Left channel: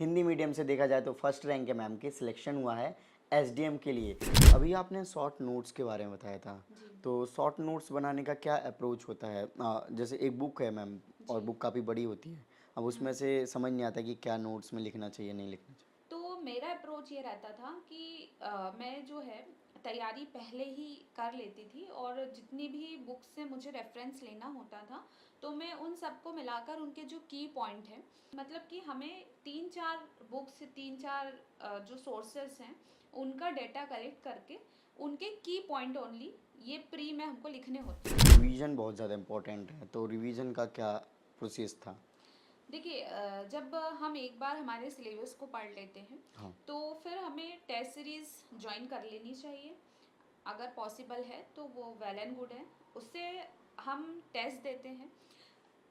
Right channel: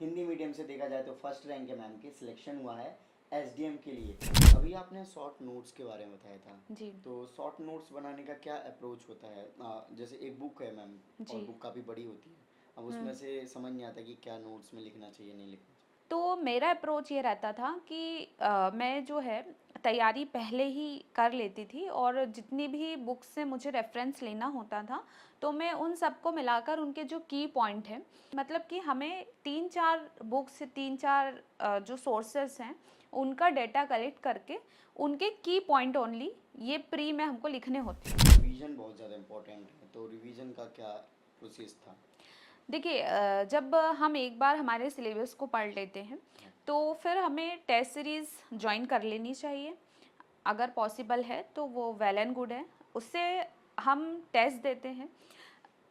Hindi medium से देखा जाए तो फर्स्ट रैंक है मैम के, सिलेक्शन हुआ है एसडीएम के लिए। अभी आपने शॉर्ट नोट्स के बारे में बताया था, जी। तो शॉर्ट नोट्स बनाने का क्या अप्रोच होता है? जैसे एक बुक है मैम, और जी। बुक काफ़ी बड़ी होती है, अब उसमें से समझ नहीं आता कि क्या नोट्स में लिखना चाहिए नहीं लिखना चाहिए। तो मेरा अप्रोच ये रहता था कि मैं जो है तैयारी पहले ही कर लेती थी, और जितनी भी बुक्स से मुझे रेफरेंस लेना होता था तो मैं उन सबको मिलाकर उनके जो की पॉइंट हैं, मतलब कि हमें 3-4 बुक्स, 3-4 जो सोर्सेस हैं उनका डेटा कलेक्ट करके उनके की पॉइंट ओनली ये प्री में हमको लिखने होते हैं। रिवीजन बहुत ज़्यादा इम्पोर्टेंट है, तो रिवीजन का क्या प्रोसेस था? देखिए, जब हम एक बार हमारे सिलेबस को पढ़ लेते हैं हाँ। तो फिर हमें टेस्ट सीरीज़ ज्वाइन कर लेनी चाहिए। अगर पॉसिबल है तो वो वेल एंड गुड है। उससे हम टेस्ट देते हैं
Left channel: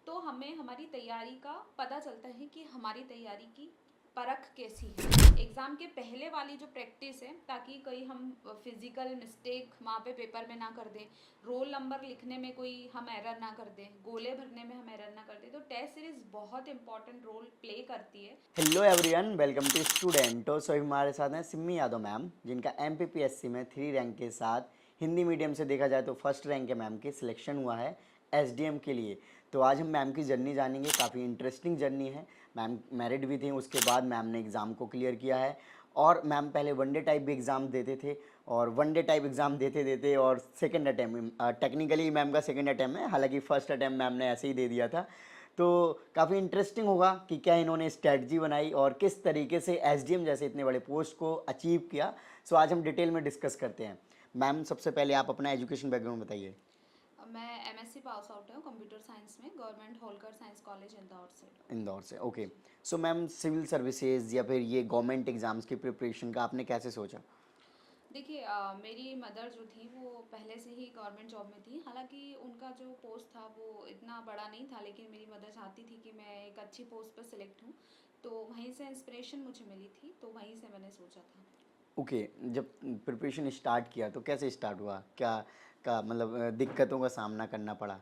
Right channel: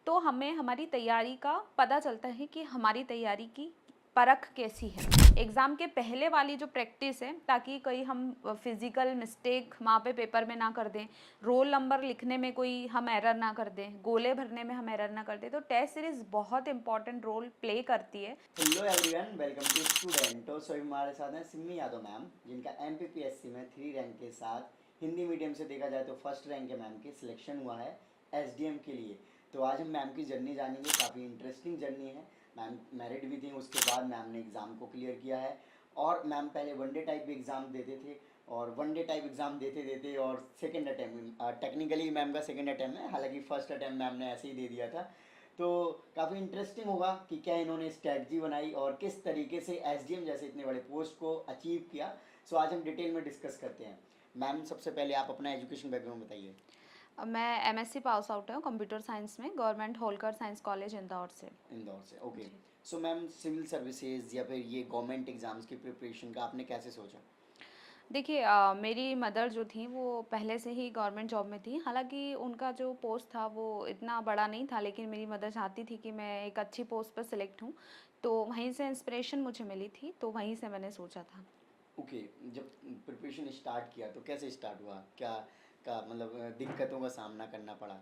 तो हमें हमारी तैयारी का पता चलता है कि हमारी तैयारी की परख कैसी है। एग्ज़ाम के पहले वाली जो प्रैक्टिस है, ताकि कोई हम फिज़िकल मिस्टेक वहाँ पे पेपर में ना कर दें, रोल नंबर लिखने में कोई हम एरर ना कर दें, गोले भरने में हम एरर ना कर दें, तो टेस्ट सीरीज़ बहुत इंपॉर्टेंट रोल प्ले करती है। Hello everyone, welcome to student. So हमारे साथ हैं सिमी यादव मैम, जिनका एमपीपीएससी में 3 रैंक के साथ हिंदी मीडियम से देखा जाए तो फर्स्ट रैंक है मैम के, सिलेक्शन हुआ है एसडीएम के लिए। तो आज हम मैम की जर्नी जानेंगे, काफ़ी इंटरेस्टिंग जर्नी है। मैम मैरिड भी थी, उसके बाद मैम ने एग्ज़ाम को क्लियर किया है, और मैम पहले वनडे टाइप भी एग्ज़ाम देते थे, और वनडे टाइप एग्ज़ाम देते देते और सेकेंड अटैम्प्ट, टेक्निकली मैम का सेकेंड अटैम्प्ट है, हालांकि फर्स्ट अटैम्प्ट मैम ने ऐसे ही दे दिया था। तो काफ़ी इंटरेस्टिंग होगा कि क्या इन्होंने स्ट्रैटेजी बनाई और किस तरीके से एसडीएम जैसे इतने बड़े पोस्ट को अचीव किया। सो आज हम डिटेल में डिस्कस करते हैं। मैम सबसे पहले आप अपना एजुकेशन बैकग्राउंड बताइए। मैं एमएससी पास आउट हूँ कंप्यूटर साइंस में, government Holkar science college Indore से। इंदौर से, ओके। जी। सो मैम सिविल सर्विसेज या फिर ये गवर्नमेंट एग्जाम्स की प्रिपरेशन का आपने कैसे सोचा? देखिए, मेरी मदर जो थी वो पहले से ही गवर्नमेंट जॉब में थी। हालांकि उनका जो पोस्ट था वो इतना बड़ा नहीं था, लेकिन मेरी मदर चाहती थी कि मैं एक अच्छी पोस्ट पर सिलेक्ट हूँ, तो वहीं से इंस्पिरेशन मुझे मिली थी, तो वहीं से मैंने सोचा था। ओके। जब प्रिपरेशन स्टार्ट किया तो कैसे स्टार्ट हुआ, क्या का मतलब दिक्कतों का सामना करना पड़ा?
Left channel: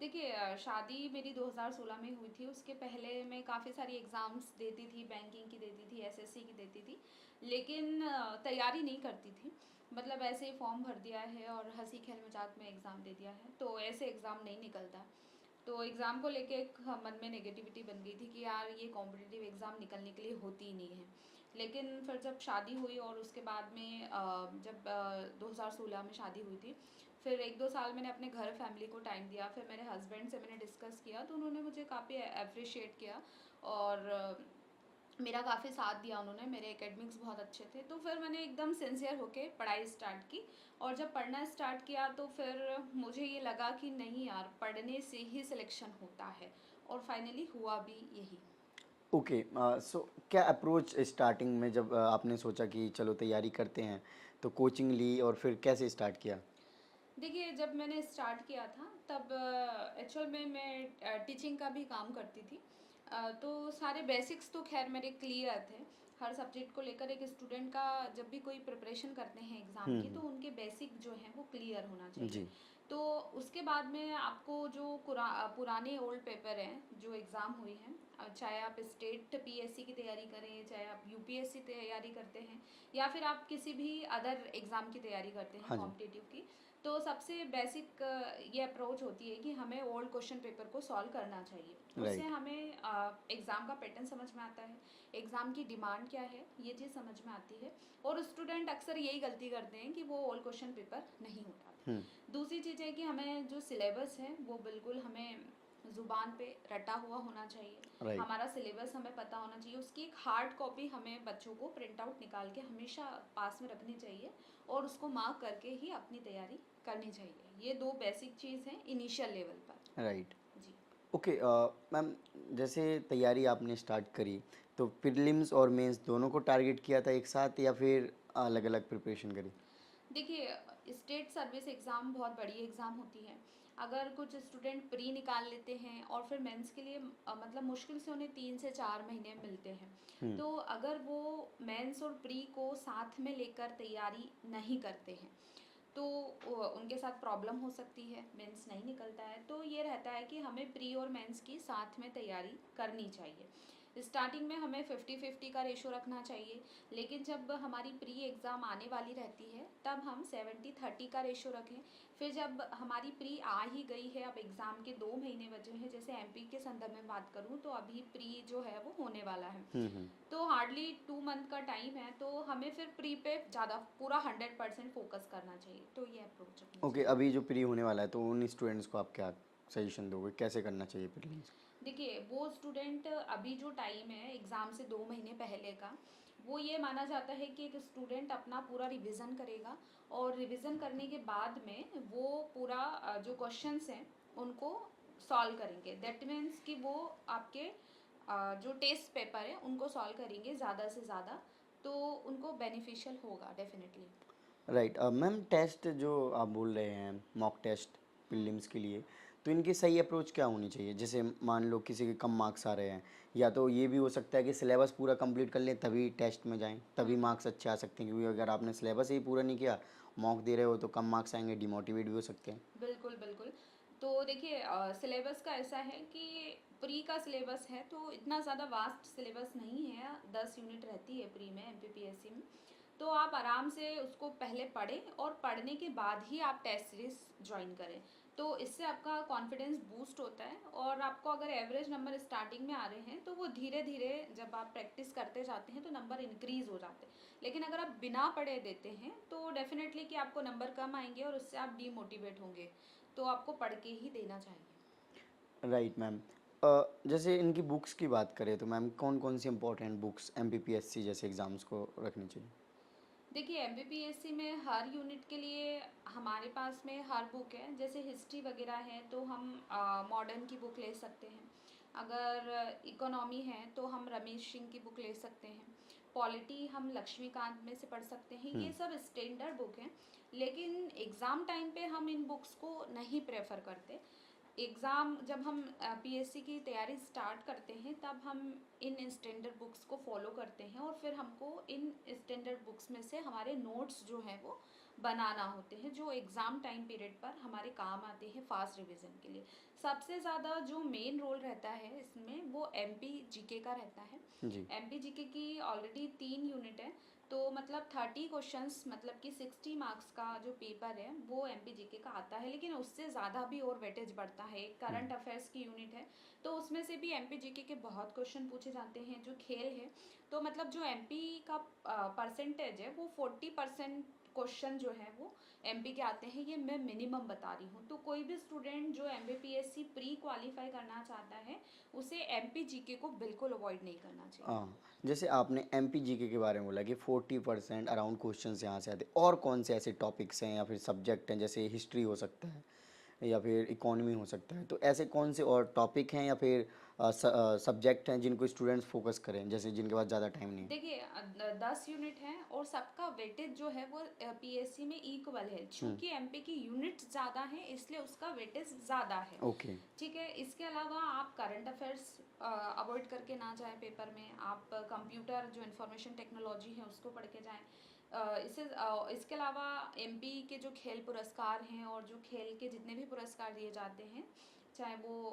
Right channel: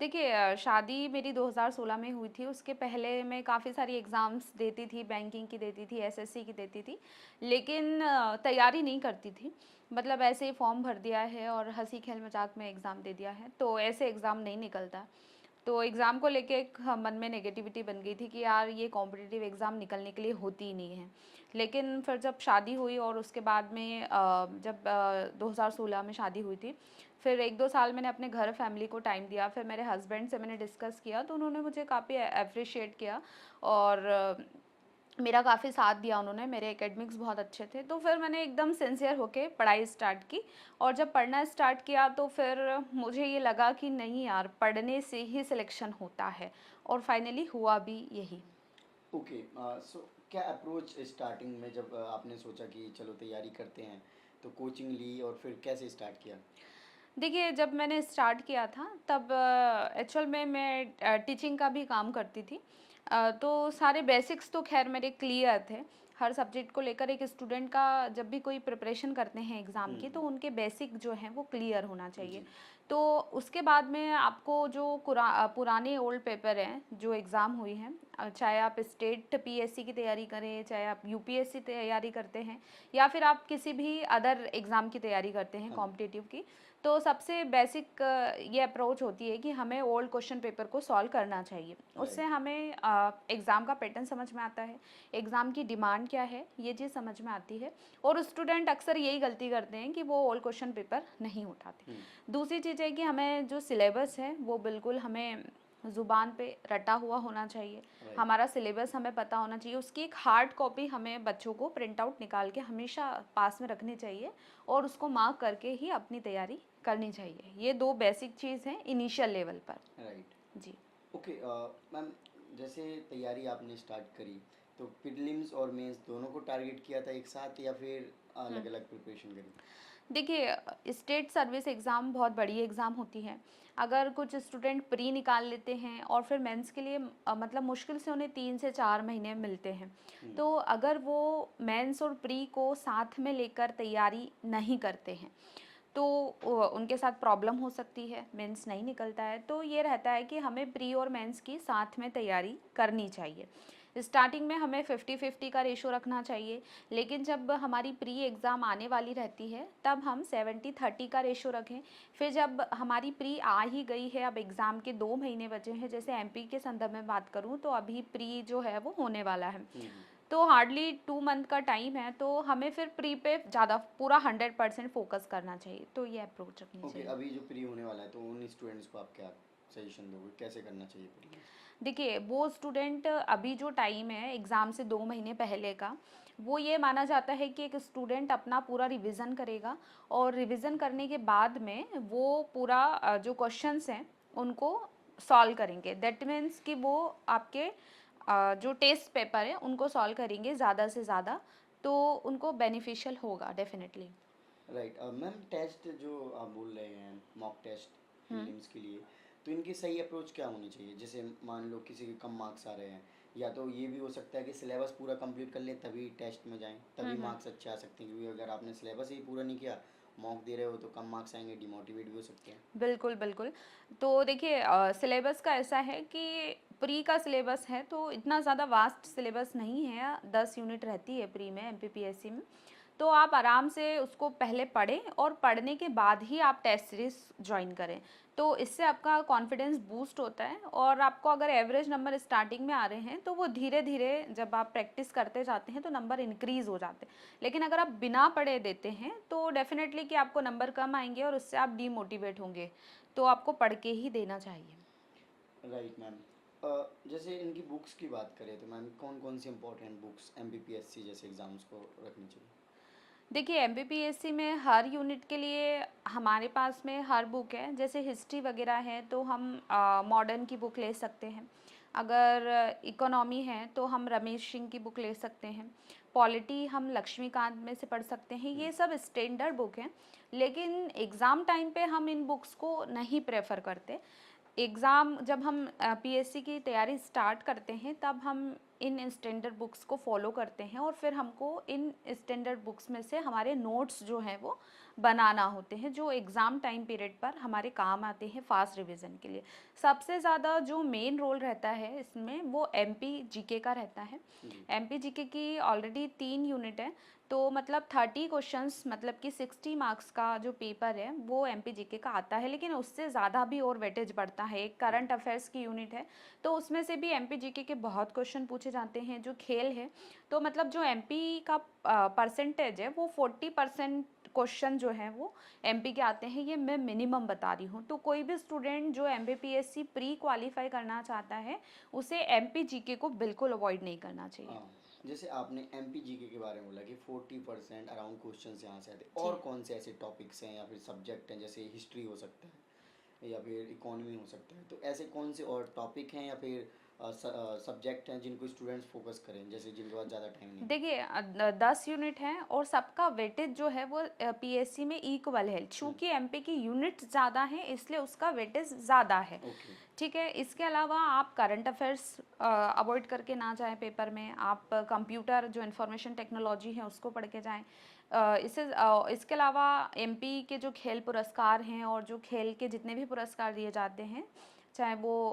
देखिए, शादी मेरी 2016 में हुई थी। उसके पहले मैं काफ़ी सारी एग्ज़ाम्स देती थी, बैंकिंग की देती थी, एसएससी की देती थी, लेकिन तैयारी नहीं करती थी। मतलब ऐसे ही फॉर्म भर दिया है और हंसी खेल मजाक में एग्ज़ाम दे दिया है, तो ऐसे एग्ज़ाम नहीं निकलता। तो एग्ज़ाम को लेके एक मन में नेगेटिविटी बन गई थी कि यार ये कॉम्पिटिटिव एग्ज़ाम निकलने के लिए होती ही नहीं है। लेकिन फिर जब शादी हुई और उसके बाद में जब 2016 में शादी हुई थी, फिर 1-2 साल मैंने अपने घर फैमिली को टाइम दिया। फिर मेरे हस्बैंड से मैंने डिस्कस किया तो उन्होंने मुझे काफ़ी एप्रिशिएट किया, और मेरा काफ़ी साथ दिया उन्होंने। मेरे एकेडमिक्स बहुत अच्छे थे, तो फिर मैंने एकदम सिंसियर होके पढ़ाई स्टार्ट की। और जब पढ़ना स्टार्ट किया तो फिर मुझे ये लगा कि नहीं यार, पढ़ने से ही सिलेक्शन होता है, और फाइनली हुआ भी यही। ओके। सो क्या अप्रोच स्टार्टिंग में जब आपने सोचा कि चलो तैयारी करते हैं, तो कोचिंग ली और फिर कैसे स्टार्ट किया? देखिए, जब मैंने स्टार्ट किया था तब एक्चुअल में मैं टीचिंग का भी काम करती थी। तो सारे बेसिक्स तो खैर मेरे क्लियर थे। हर सब्जेक्ट को लेकर एक स्टूडेंट का जब भी कोई प्रिपरेशन करते हैं एग्ज़ाम की, तो उनके बेसिक जो हैं वो क्लियर होना चाहिए। जी। तो उसके बाद में आपको जो पुराने ओल्ड पेपर हैं जो एग्ज़ाम हुई हैं, चाहे आप स्टेट पीएससी की तैयारी करें, चाहे आप यूपीएससी तैयारी करते हैं, या फिर आप किसी भी अदर एग्ज़ाम की तैयारी करते हैं हाँ जी। कॉम्पिटिटिव की, तो सबसे बेसिक ये अप्रोच होती है कि हमें ओल्ड क्वेश्चन पेपर को सॉल्व करना चाहिए। उससे राइट। हमें एग्ज़ाम का पैटर्न समझ में आता है, एग्ज़ाम की डिमांड क्या है ये चीज़ समझ में आती है, और स्टूडेंट अक्सर यही गलती करते हैं कि वो ओल्ड क्वेश्चन पेपर नहीं उठाते। दूसरी चीज़ है कि हमें जो सिलेबस है वो बिल्कुल हमें ज़ुबान पे रटा हुआ होना चाहिए। राइट। हमारा सिलेबस हमें पता होना चाहिए। उसकी एक हार्ड कॉपी हमें बच्चों को प्रिंट आउट निकाल के हमेशा पास में रखनी चाहिए, और उसको मार्क करके ही अपनी तैयारी करनी चाहिए। ये 2 बेसिक चीज़ हैं इनिशियल लेवल पर। राइट। जी। ओके। मैम जैसे तैयारी आपने स्टार्ट करी, तो प्रीलिम्स और मेंस दोनों को टारगेट किया था एक साथ या फिर अलग हुँ। अलग प्रिपरेशन करी? देखिए, स्टेट सर्विस एग्ज़ाम बहुत बड़ी एग्ज़ाम होती है। अगर कुछ स्टूडेंट प्री निकाल लेते हैं और फिर मेंस के लिए मतलब मुश्किल से उन्हें 3 से 4 महीने मिलते हैं। तो अगर वो मेंस और प्री को साथ में लेकर तैयारी नहीं करते हैं, तो उनके साथ प्रॉब्लम हो सकती है, मेंस नहीं निकलता है। तो ये रहता है कि हमें प्री और मेंस की साथ में तैयारी करनी चाहिए। स्टार्टिंग में हमें 50-50 का रेशो रखना चाहिए, लेकिन जब हमारी प्री एग्ज़ाम आने वाली रहती है तब हम 70-30 का रेशो रखें। फिर जब हमारी प्री आ ही गई है, अब एग्ज़ाम के 2 महीने बचे हैं, जैसे एमपी के संदर्भ में बात करूँ तो अभी प्री जो है वो होने वाला है। तो हार्डली 2 मंथ का टाइम है, तो हमें फिर प्री पे ज़्यादा पूरा 100% फोकस करना चाहिए। तो ये अप्रोच रखनी ओके, चाहिए। अभी जो प्री होने वाला है तो उन स्टूडेंट्स को आप क्या सजेशन दोगे, कैसे करना चाहिए प्रीलिम्स? देखिए, वो स्टूडेंट अभी जो टाइम है एग्ज़ाम से 2 महीने पहले का, वो ये माना जाता है कि एक स्टूडेंट अपना पूरा रिवीजन करेगा और रिवीजन करने के बाद में वो पूरा जो क्वेश्चंस हैं उनको सॉल्व करेंगे। दैट मीन्स कि वो आपके जो टेस्ट पेपर है उनको सॉल्व करेंगे ज़्यादा से ज़्यादा, तो उनको बेनिफिशियल होगा डेफिनेटली। राइट। मैम, टेस्ट जो आप बोल रहे हैं, मॉक टेस्ट प्रीलिम्स के लिए, तो इनकी सही अप्रोच क्या होनी चाहिए? जैसे मान लो किसी के कम मार्क्स आ रहे हैं, या तो ये भी हो सकता है कि सिलेबस पूरा कंप्लीट कर लें तभी टेस्ट में जाएं, तभी मार्क्स अच्छे आ सकते हैं, क्योंकि अगर आपने सिलेबस ही पूरा नहीं किया, मॉक दे रहे हो तो कम मार्क्स आएंगे, डिमोटिवेट भी हो सकते हैं। बिल्कुल, बिल्कुल। तो देखिए सिलेबस का ऐसा है कि प्री का सिलेबस है तो इतना ज़्यादा वास्ट सिलेबस नहीं है, 10 यूनिट रहती है प्री में एमपीपीएससी में। तो आप आराम से उसको पहले पढ़ें और पढ़ने के बाद ही आप टेस्ट सीरीज़ जॉइन करें। तो इससे आपका कॉन्फिडेंस बूस्ट होता है और आपको अगर एवरेज नंबर स्टार्टिंग में आ रहे हैं तो वो धीरे-धीरे जब आप प्रैक्टिस करते जाते हैं तो नंबर इंक्रीज़ हो जाते हैं। लेकिन अगर आप बिना पढ़े देते हैं तो डेफ़िनेटली कि आपको नंबर कम आएँगे और उससे आप डीमोटिवेट होंगे। तो आपको पढ़ के ही देना चाहिए। Right ma'am. जैसे इनकी बुक्स की बात करें तो मैम कौन कौन सी इंपॉर्टेंट बुक्स एमपीपीएससी जैसे एग्ज़ाम्स को रखनी चाहिए? देखिए एमपीपीएससी में हर यूनिट के लिए हमारे पास में हर बुक है। जैसे हिस्ट्री वगैरह है तो हम मॉडर्न की बुक ले सकते हैं। अगर इकोनॉमी है तो हम रमेश सिंह की बुक ले सकते हैं। पॉलिटी हम लक्ष्मीकांत में से पढ़ सकते हैं। ये सब स्टैंडर्ड बुक हैं, लेकिन एग्ज़ाम टाइम पे हम इन बुक्स को नहीं प्रेफर करते। एग्ज़ाम जब हम पीएससी की तैयारी स्टार्ट करते हैं तब हम इन स्टैंडर्ड बुक्स को फॉलो करते हैं और फिर हमको इन स्टैंडर्ड बुक्स में से हमारे नोट्स जो हैं वो बनाना होते हैं, जो एग्ज़ाम टाइम पीरियड पर हमारे काम आते हैं फास्ट रिवीजन के लिए। सबसे ज़्यादा जो मेन रोल रहता है इसमें वो एमपी जीके का रहता है। जी। एमपी जीके की ऑलरेडी 3 यूनिट है, तो मतलब 30 क्वेश्चंस मतलब कि 60 मार्क्स का जो पेपर है वो एमपी जीके का आता है, लेकिन उससे ज़्यादा भी और वेटेज बढ़ता है। एक करंट अफेयर्स की यूनिट है तो उसमें से भी एमपी जीके के बहुत क्वेश्चन पूछे जाते हैं। जो खेल है तो मतलब जो एमपी का परसेंटेज है वो 40% क्वेश्चन जो है वो एमपी के आते हैं, ये मैं मिनिमम बता रही हूँ। तो कोई भी स्टूडेंट जो एमपीपीएससी प्री क्वालिफाई करना चाहता है उसे एमपी जीके को बिल्कुल अवॉइड नहीं करना चाहिए। हाँ, जैसे आपने एमपीजीके के बारे में बोला कि 40% अराउंड क्वेश्चंस यहाँ से आते हैं, जी। और कौन से ऐसे टॉपिक्स हैं या फिर सब्जेक्ट हैं, जैसे हिस्ट्री हो सकता है या फिर इकोनॉमी हो सकता है, तो ऐसे कौन से और टॉपिक हैं या फिर सब्जेक्ट हैं जिनको स्टूडेंट्स फोकस करें, जैसे जिनके पास ज़्यादा टाइम नहीं? देखिए 10 यूनिट हैं और सबका वेटेज जो है वो पीएससी में इक्वल है। चूंकि एमपी की यूनिट ज़्यादा है इसलिए उसका वेटेज ज़्यादा है। ओके। ठीक है, इसके अलावा आप करंट अफेयर्स अवॉइड करके ना जाएं पेपर में। आप कंप्यूटर जो इंफॉर्मेशन टेक्नोलॉजी है उसको पढ़ के जाएं। इसके अलावा एमपी के जो खेल पुरस्कार हैं और जो खेल के जितने भी पुरस्कार दिए जाते हैं, चाहे वो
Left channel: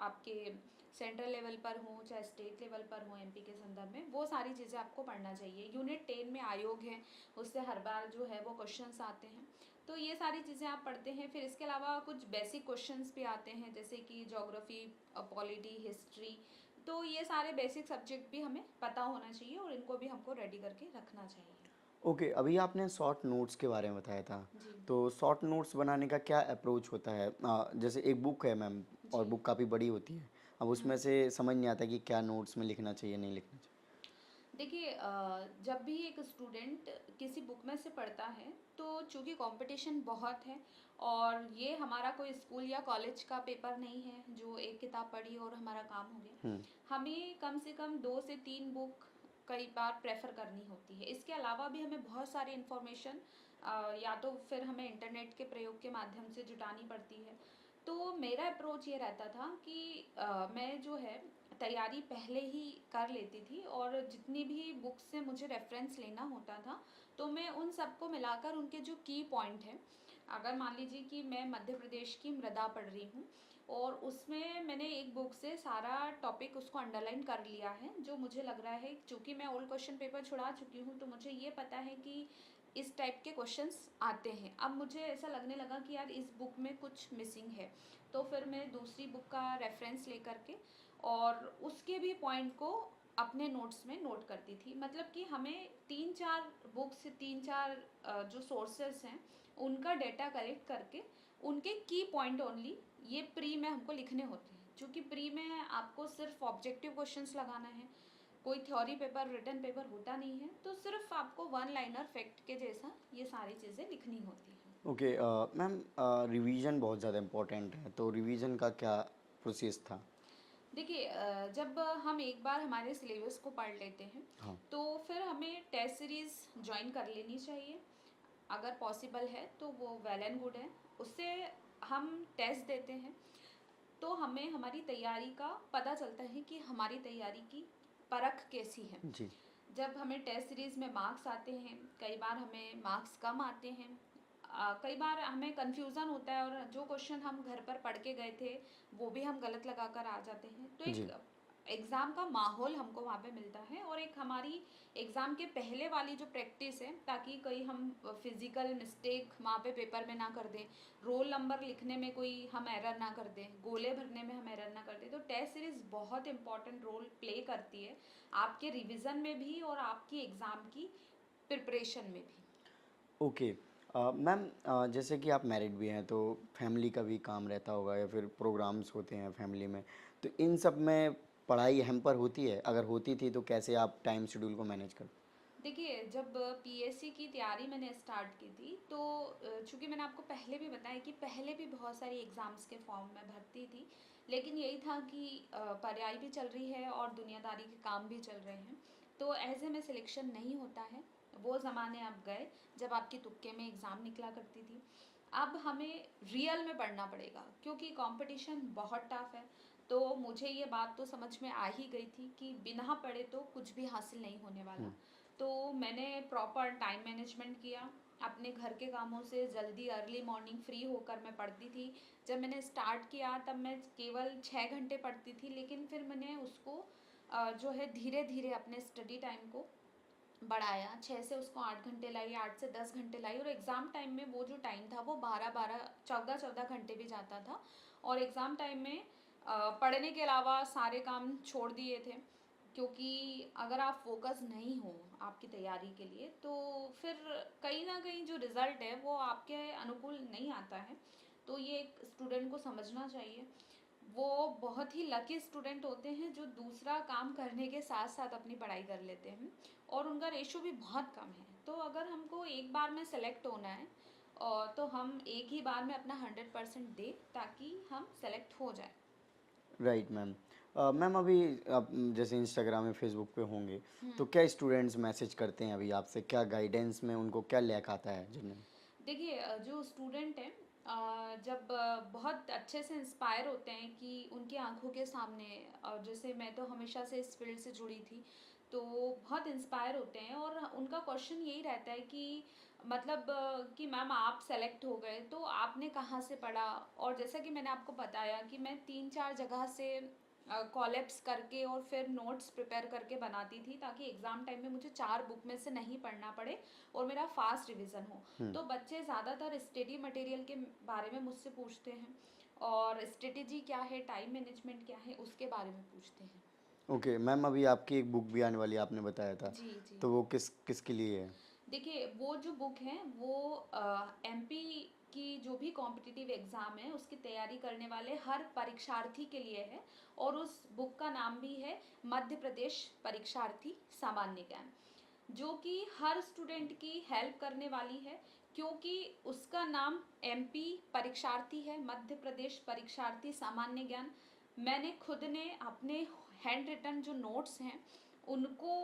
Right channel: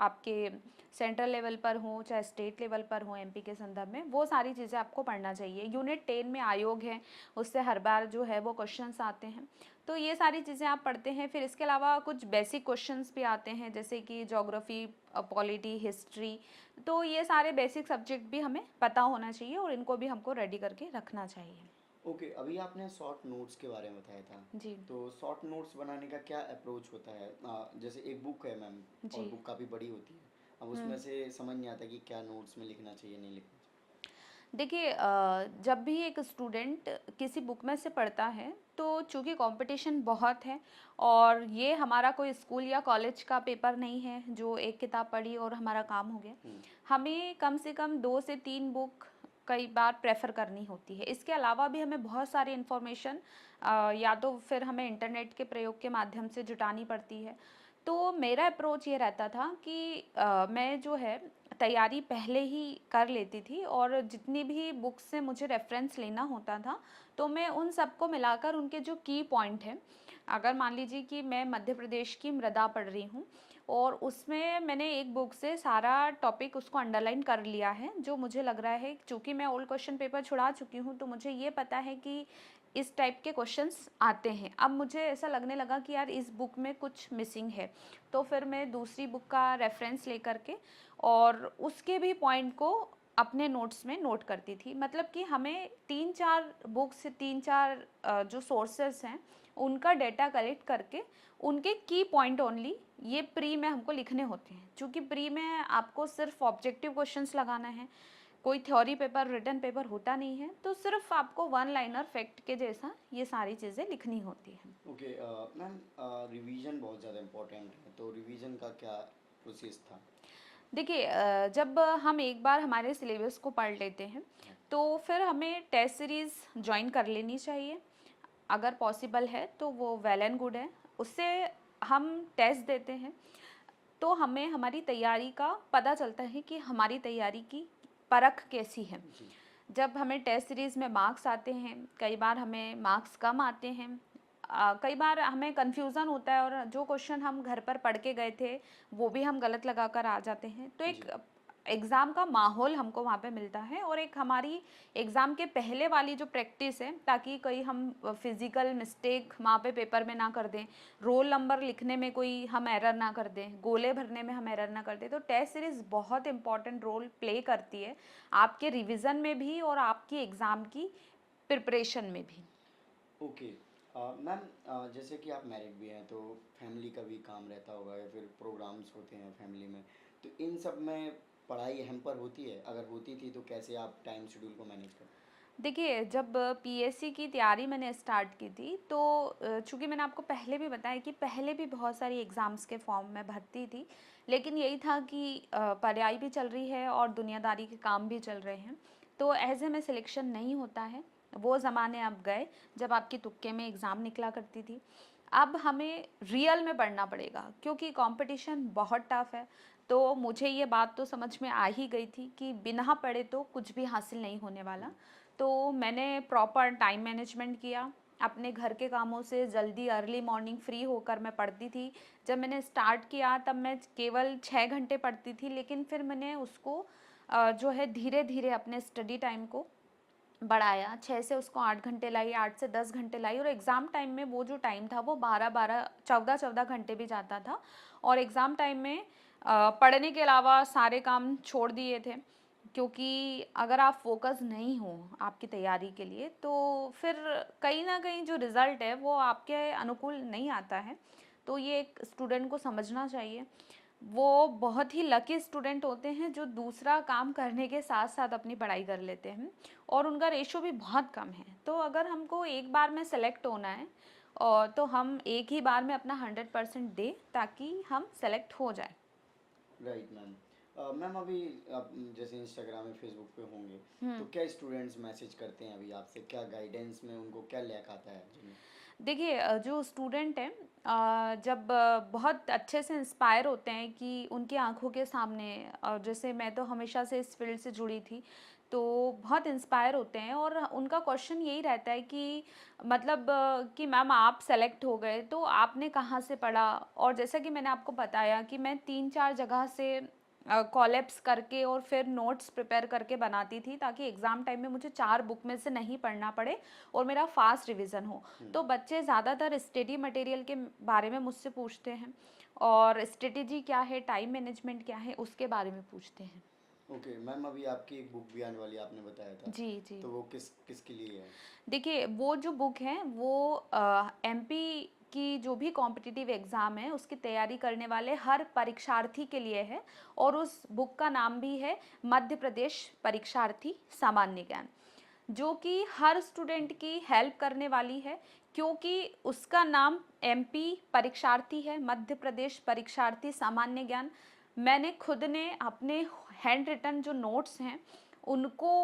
आपके सेंट्रल लेवल पर हो चाहे स्टेट लेवल पर हो, एमपी के संदर्भ में वो सारी चीज़ें आपको पढ़ना चाहिए। यूनिट 10 में आयोग है, उससे हर बार जो है वो क्वेश्चंस आते हैं, तो ये सारी चीज़ें आप पढ़ते हैं। फिर इसके अलावा कुछ बेसिक क्वेश्चंस भी आते हैं जैसे कि ज्योग्राफी, पॉलिटी, हिस्ट्री। तो ये सारे बेसिक सब्जेक्ट भी हमें पता होना चाहिए और इनको भी हमको रेडी करके रखना चाहिए। ओके, अभी आपने शॉर्ट नोट्स के बारे में बताया था, जी। तो शॉर्ट नोट्स बनाने का क्या अप्रोच होता है? जैसे एक बुक है मैम, और जी। बुक काफ़ी बड़ी होती है, अब उसमें से समझ नहीं आता कि क्या नोट्स में लिखना चाहिए, नहीं लिखना चाहिए। देखिए जब भी एक स्टूडेंट किसी बुक में से पढ़ता है तो चूंकि कंपटीशन बहुत है और ये हमारा कोई स्कूल या कॉलेज का पेपर नहीं है जो एक किताब पढ़ी और हमारा काम हो गया। हमें कम से कम 2 से 3 बुक कई बार प्रेफर करनी होती है। इसके अलावा भी हमें बहुत सारी इन्फॉर्मेशन या तो फिर हमें इंटरनेट के प्रयोग के माध्यम से जुटानी पड़ती है। तो मेरा अप्रोच ये रहता था कि मैं जो है तैयारी पहले ही कर लेती थी और जितनी भी बुक्स से मुझे रेफरेंस लेना होता था तो मैं उन सबको मिलाकर उनके जो की पॉइंट हैं, अगर मान लीजिए कि मैं मध्य प्रदेश की मृदा पढ़ रही हूँ और उसमें मैंने एक बुक से सारा टॉपिक उसको अंडरलाइन कर लिया है, जो मुझे लग रहा है चूँकि मैं ओल्ड क्वेश्चन पेपर छुड़ा चुकी हूँ तो मुझे ये पता है कि इस टाइप के क्वेश्चंस आते हैं। अब मुझे ऐसा लगने लगा कि यार इस बुक में कुछ मिसिंग है, तो फिर मैं दूसरी बुक का रेफरेंस लेकर के और उसके भी पॉइंट को अपने नोट्स में नोट करती थी। मतलब कि हमें 3-4 बुक्स, 3-4 जो सोर्सेस हैं उनका डेटा कलेक्ट करके उनके की पॉइंट ओनली ये प्री में हमको लिखने होते हैं। चूँकि प्री में आपको सिर्फ ऑब्जेक्टिव क्वेश्चंस लगाना है, कोई थ्योरी पेपर, रिटन पेपर होता नहीं है, तो सिर्फ आपको वन लाइनर फैक्ट के जैसा ये सारी चीज़ें लिखनी होती हैं। ओके मैम, रिवीजन बहुत ज़्यादा इम्पोर्टेंट है, तो रिवीजन का क्या प्रोसेस था? देखिए जब हम एक बार हमारे सिलेबस को पढ़ लेते हैं हाँ। तो फिर हमें टेस्ट सीरीज़ ज्वाइन कर लेनी चाहिए। अगर पॉसिबल है तो वो वेल एंड गुड है। उससे हम टेस्ट देते हैं तो हमें हमारी तैयारी का पता चलता है कि हमारी तैयारी की परख कैसी है। जी। जब हमें टेस्ट सीरीज़ में मार्क्स आते हैं, कई बार हमें मार्क्स कम आते हैं, कई बार हमें कन्फ्यूज़न होता है और जो क्वेश्चन हम घर पर पढ़ के गए थे वो भी हम गलत लगा कर आ जाते हैं। तो एक जी। एग्ज़ाम का माहौल हमको वहाँ पे मिलता है और एक हमारी एग्ज़ाम के पहले वाली जो प्रैक्टिस है, ताकि कोई हम फिज़िकल मिस्टेक वहाँ पे पेपर में ना कर दें, रोल नंबर लिखने में कोई हम एरर ना कर दें, गोले भरने में हम एरर ना कर दें। तो टेस्ट सीरीज़ बहुत इंपॉर्टेंट रोल प्ले करती है आपके रिवीजन में भी और आपकी एग्ज़ाम की प्रिपरेशन में भी। ओके मैम, जैसे कि आप मैरिड भी हैं तो फैमिली का भी काम रहता होगा या फिर प्रोग्राम्स होते हैं फैमिली में, तो इन सब में पढ़ाई हैम्पर होती है? अगर होती थी तो कैसे आप टाइम शेड्यूल को मैनेज करते? देखिए जब पीएससी की तैयारी मैंने स्टार्ट की थी तो चूँकि मैंने आपको पहले भी बताया कि पहले भी बहुत सारी एग्ज़ाम्स के फॉर्म में भरती थी, लेकिन यही था कि पढ़ाई भी चल रही है और दुनियादारी के काम भी चल रहे हैं, तो ऐसे में सिलेक्शन नहीं होता है। वो ज़माने अब गए जब आपकी तुक्के में एग्ज़ाम निकला करती थी। अब हमें रियल में पढ़ना पड़ेगा क्योंकि कंपटीशन बहुत टफ है। तो मुझे ये बात तो समझ में आ ही गई थी कि बिना पढ़े तो कुछ भी हासिल नहीं होने वाला। तो मैंने प्रॉपर टाइम मैनेजमेंट किया, अपने घर के कामों से जल्दी अर्ली मॉर्निंग फ्री होकर मैं पढ़ती थी। जब मैंने स्टार्ट किया तब मैं केवल 6 घंटे पढ़ती थी, लेकिन फिर मैंने उसको जो है धीरे-धीरे अपने स्टडी टाइम को बढ़ाया, 6 से उसको 8 घंटे लाई, 8 से 10 घंटे लाई और एग्ज़ाम टाइम में वो जो टाइम था वो 12-12, 14-14 घंटे भी जाता था। और एग्ज़ाम टाइम में पढ़ने के अलावा सारे काम छोड़ दिए थे, क्योंकि अगर आप फ़ोकस नहीं हो आपकी तैयारी के लिए तो फिर कहीं न कहीं जो रिज़ल्ट है वो आपके अनुकूल नहीं आता है। तो ये एक स्टूडेंट को समझना चाहिए। वो बहुत ही लकी स्टूडेंट होते हैं जो दूसरा काम करने के साथ-साथ अपनी पढ़ाई कर लेते हैं और उनका रेशो भी बहुत कम है। तो अगर हमको एक बार में सेलेक्ट होना है तो हम एक ही बार में अपना 100% दें ताकि हम सेलेक्ट हो जाएँ। Right ma'am. मैम, अभी आप जैसे इंस्टाग्राम या फेसबुक पे होंगे, हुँ। तो क्या स्टूडेंट्स मैसेज करते हैं अभी आपसे? क्या गाइडेंस में उनको क्या लैक आता है जिन्हें? देखिए जो स्टूडेंट हैं जब बहुत अच्छे से इंस्पायर होते हैं कि उनकी आंखों के सामने, और जैसे मैं तो हमेशा से इस फील्ड से जुड़ी थी, तो बहुत इंस्पायर होते हैं और उनका क्वेश्चन यही रहता है कि मतलब कि मैम आप सेलेक्ट हो गए तो आपने कहाँ से पढ़ा। और जैसा कि मैंने आपको बताया कि मैं 3-4 जगह से कॉलेप्स करके और फिर नोट्स प्रिपेयर करके बनाती थी ताकि एग्ज़ाम टाइम में मुझे 4 बुक में से नहीं पढ़ना पड़े और मेरा फास्ट रिवीजन हो। तो बच्चे ज़्यादातर स्टडी मटेरियल के बारे में मुझसे पूछते हैं और स्ट्रेटेजी क्या है, टाइम मैनेजमेंट क्या है, उसके बारे में पूछते हैं। ओके मैम, अभी आपकी एक बुक भी आने वाली है आपने बताया था, जी, जी। तो वो किसके लिए है? देखिए वो जो बुक है वो एमपी की जो भी कॉम्पिटिटिव एग्ज़ाम है उसकी तैयारी करने वाले हर परीक्षार्थी के लिए है और उस बुक का नाम भी है मध्य प्रदेश परीक्षार्थी सामान्य ज्ञान, जो कि हर स्टूडेंट की हेल्प करने वाली है, क्योंकि उसका नाम एमपी परीक्षार्थी है, मध्य प्रदेश परीक्षार्थी सामान्य ज्ञान। मैंने खुद ने अपने हैंड रिटन जो नोट्स हैं उनको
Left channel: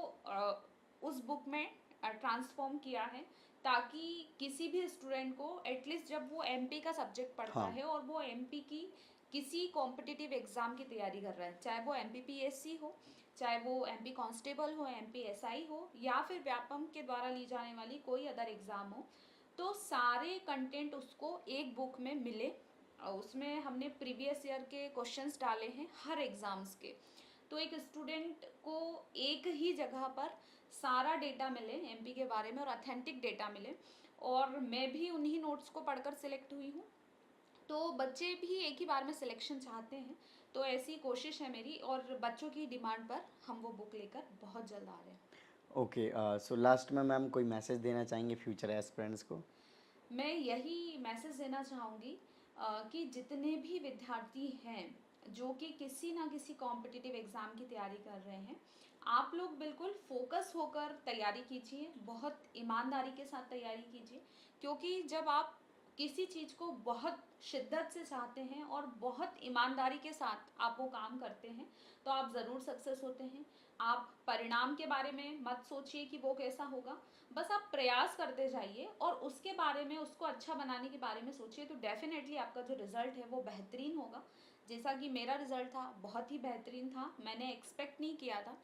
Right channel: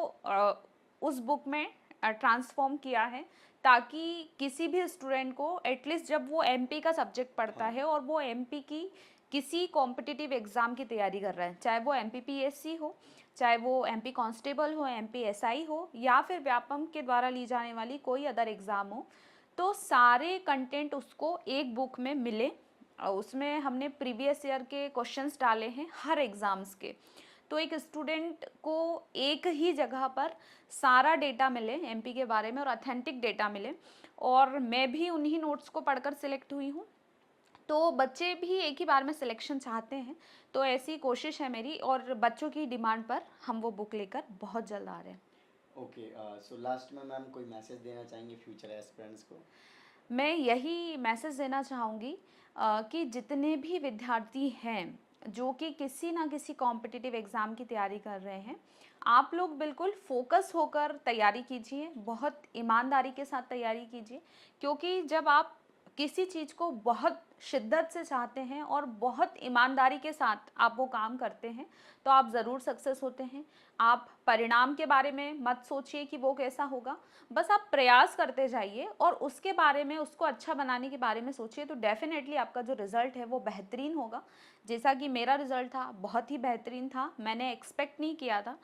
उस बुक में ट्रांसफ़ॉर्म किया है ताकि किसी भी स्टूडेंट को एटलीस्ट जब वो एमपी का सब्जेक्ट पढ़ता हाँ। है और वो एमपी की किसी कॉम्पिटिटिव एग्ज़ाम की तैयारी कर रहा है, चाहे वो एमपीपीएससी हो, चाहे वो एमपी कांस्टेबल हो, एमपी एसआई हो या फिर व्यापम के द्वारा ली जाने वाली कोई अदर एग्ज़ाम हो, तो सारे कंटेंट उसको एक बुक में मिले उसमें हमने प्रीवियस ईयर के क्वेश्चंस डाले हैं हर एग्ज़ाम्स के। तो एक स्टूडेंट को एक ही जगह पर सारा डेटा मिले एमपी के बारे में और ऑथेंटिक डेटा मिले, और मैं भी उन्हीं नोट्स को पढ़कर सिलेक्ट हुई हूँ। तो बच्चे भी एक ही बार में सिलेक्शन चाहते हैं, तो ऐसी कोशिश है मेरी, और बच्चों की डिमांड पर हम वो बुक लेकर बहुत जल्द आ रहे हैं। ओके, सो लास्ट में मैम कोई मैसेज देना चाहेंगे फ्यूचर एस्पिरेंट्स को? मैं यही मैसेज देना चाहूँगी कि जितने भी विद्यार्थी हैं जो कि किसी ना किसी कॉम्पिटिटिव एग्ज़ाम की तैयारी कर रहे हैं, आप लोग बिल्कुल फोकस होकर तैयारी कीजिए, बहुत ईमानदारी के साथ तैयारी कीजिए, क्योंकि जब आप किसी चीज़ को बहुत शिद्दत से चाहते हैं और बहुत ईमानदारी के साथ आप वो काम करते हैं, तो आप ज़रूर सक्सेस होते हैं। आप परिणाम के बारे में मत सोचिए कि वो कैसा होगा, बस आप प्रयास करते जाइए और उसके बारे में, उसको अच्छा बनाने के बारे में सोचिए, तो डेफ़िनेटली आपका जो रिज़ल्ट है वो बेहतरीन होगा। जैसा कि मेरा रिज़ल्ट था, बहुत ही बेहतरीन था, मैंने एक्सपेक्ट नहीं किया था।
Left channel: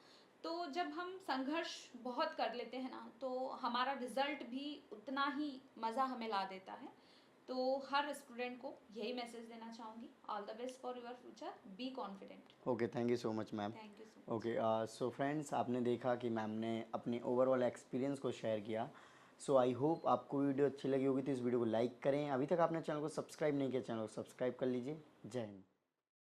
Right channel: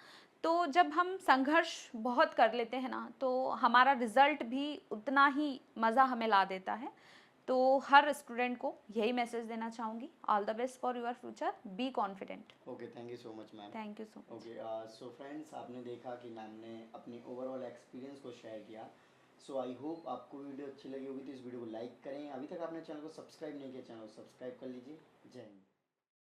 तो जब हम संघर्ष बहुत कर लेते हैं ना, तो हमारा रिज़ल्ट भी उतना ही मज़ा हमें ला देता है। तो हर स्टूडेंट को यही मैसेज देना चाहूँगी, all the best for your future, be confident. Okay, thank you so much ma'am. Thank you so much. Okay, so friends, आपने देखा कि मैम ने अपने ओवरऑल एक्सपीरियंस को शेयर किया। सो आई होप आपको वीडियो अच्छी लगी होगी, तो इस वीडियो को लाइक करें। अभी तक आपने चैनल को सब्सक्राइब नहीं किया, चैनल को सब्सक्राइब कर लीजिए। जय हिंद।